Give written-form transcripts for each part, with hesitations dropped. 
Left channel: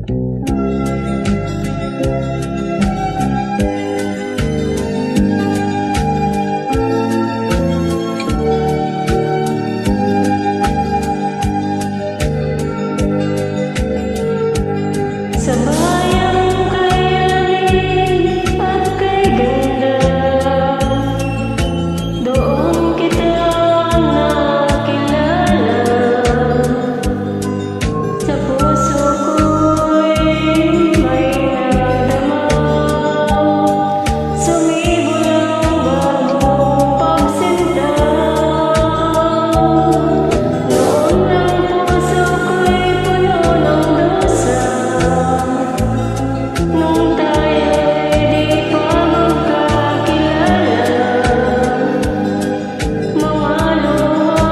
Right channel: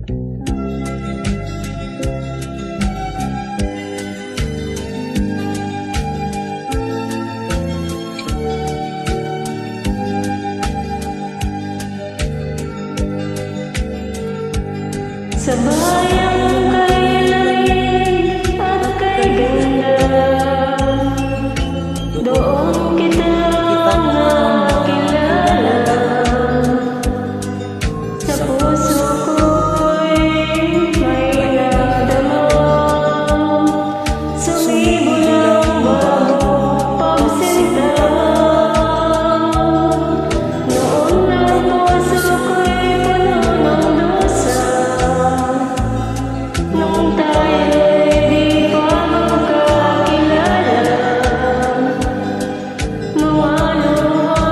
Sa bayang kay lamig at kay ganda, doon kita nakilala. Sa puso ko'y may nadama, sumibol ang bagong pagsinta. Noon ang puso ko'y puno ng dusa, nung tayo'y di pa magkakilala. Mga luha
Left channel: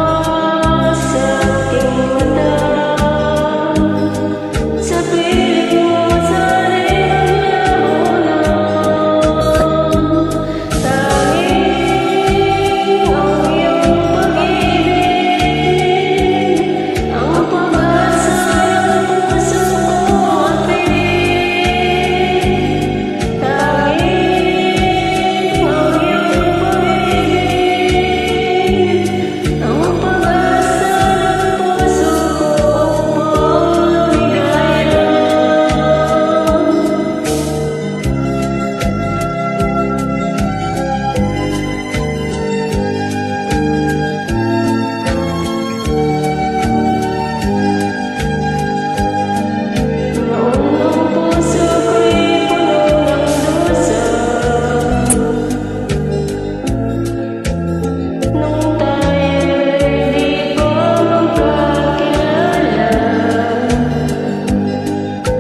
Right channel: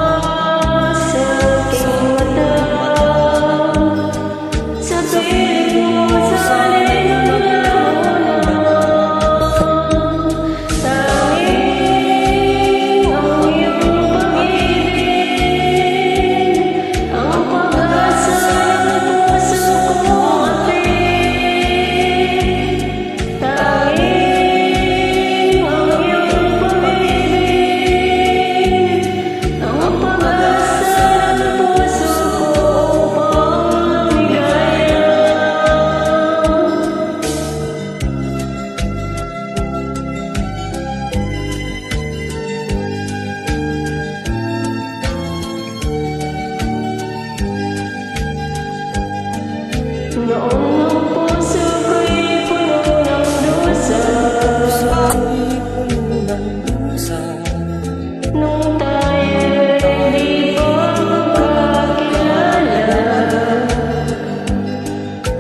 sa aking mata, sa piling mo sana'y maglaho na. Tanging ang iyong pag-ibig ang pag-asa ng puso kong apit. Tanging ang iyong pag-ibig ang pag-asa ng puso ko upang lumigaya. Noon ang puso ko'y puno ng dusa, nung tayo'y di pa magkakilala.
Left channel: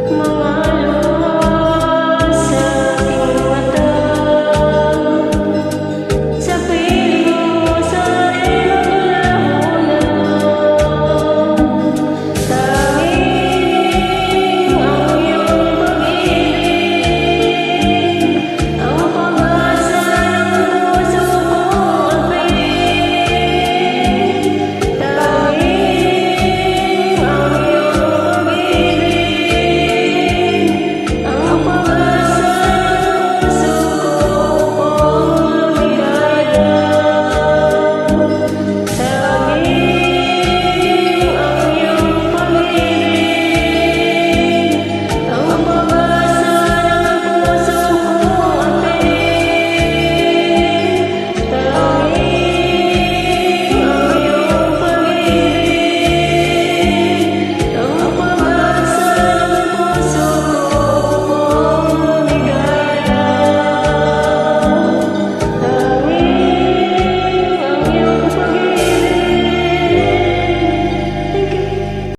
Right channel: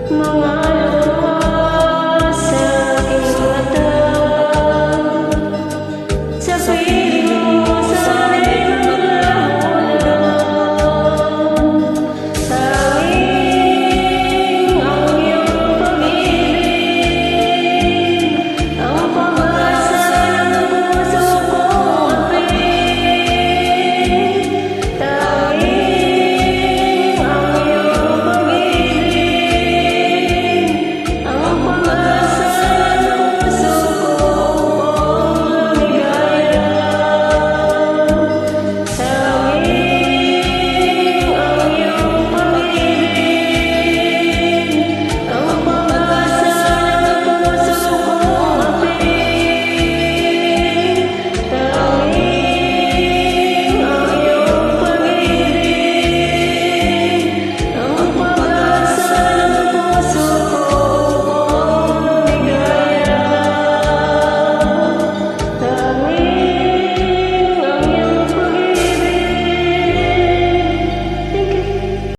Mga